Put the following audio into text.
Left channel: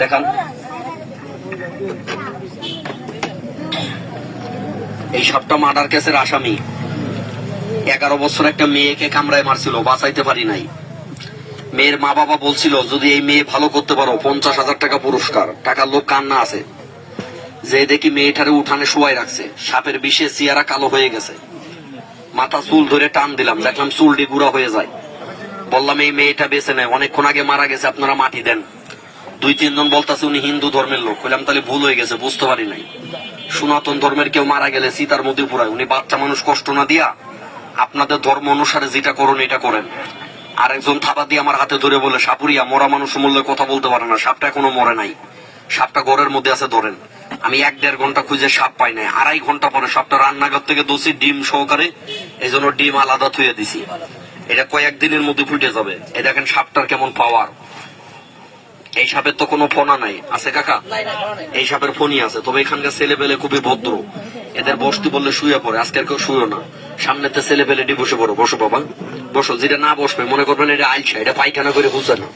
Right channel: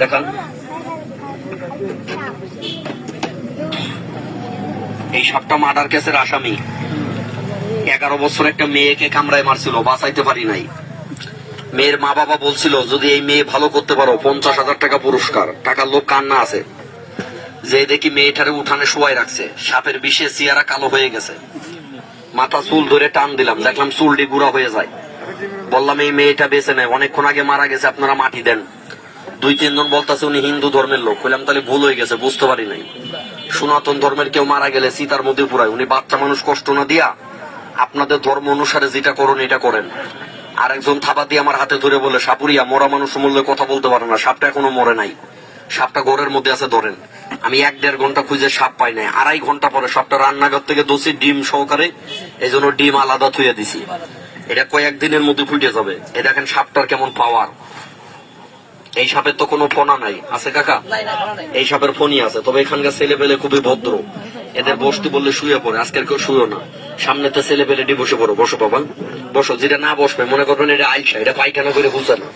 দেখান। এই সাপটা মার্ডার কেসের আসামি। 11 বছর একটা মেয়েকে কামড়ায় মারছিল, বাঁচাইতে পারি নাই। মেয়ের মা বাবা বলছিল যদি এই মেয়ে ভালো করতে পারো 50,000 টাকা পুরস্কার। টাকার লোক কান্না আছে। যে দেখি মেয়েটারে উঠানে শোয়াই রাখছে, সাপের বিষে চেহারা কালো হয়ে গেছে। মাথা চুল ধরে টান দিলাম, দেখলাম চুলটি গুঁড়া হয়ে যায়। বললাম এই মেয়েটা বেঁচে নেই, অনেকক্ষণ আগে মারা গেছে, আপনারা মাটি দেন। 2-3 জন বলতেছে উনি হিন্দু ধর্মের লোক। বললাম তাহলে ভুল হয়ে গেছে, বুঝতে পারি নাই। সনাতন ধর্মের কেউ মারা গেলে চিতার মধ্যে পুরায়, উনি বাচ্চা মানুষ কষ্ট না দিয়া আপনাদের ধর্ম অনুসারে যেটা করুন এটা করেন। আরেকজন থাবা দিয়ে আমার হাতে ধরে বলে, সাপুরিয়া মরা মানুষ মূল্যে কথা বলতে পারে না, সাপটা এখনো মরে নাই, সাপটা ঘরের মধ্যে আছে, ধরেন। আমি 1-1.5 ঘন্টা খুঁজে সাপ পাই নাই। 2.5 ঘন্টা পরে সাপটা রান্নাঘর থেকে দোষী ডিম সহকারে, এই জন্য ডিম আলাদা থুয়ে দিছি। এটা কয়েকদিনের মধ্যে ফুটে যাবে। এই দেখেন সাপটার কেমন পাওয়ার। এই সাপের তো কোনো ফোনা নাই, আছে কাকা? এই সাপের ফোনই আছে, তবে এখানকার ছেলে পেলে খুবই ভদ্র। এদের বসতে বললে শুয়ে পড়ে, আজকের কেউ শুয়েও না। সামনেতে ছেলে পেলে বসে পড়ো, বসো বাবা বসো। যেটা না বসবে মনে করবেন এটা আইসা, এটা পায়খানা করে বুঝে না।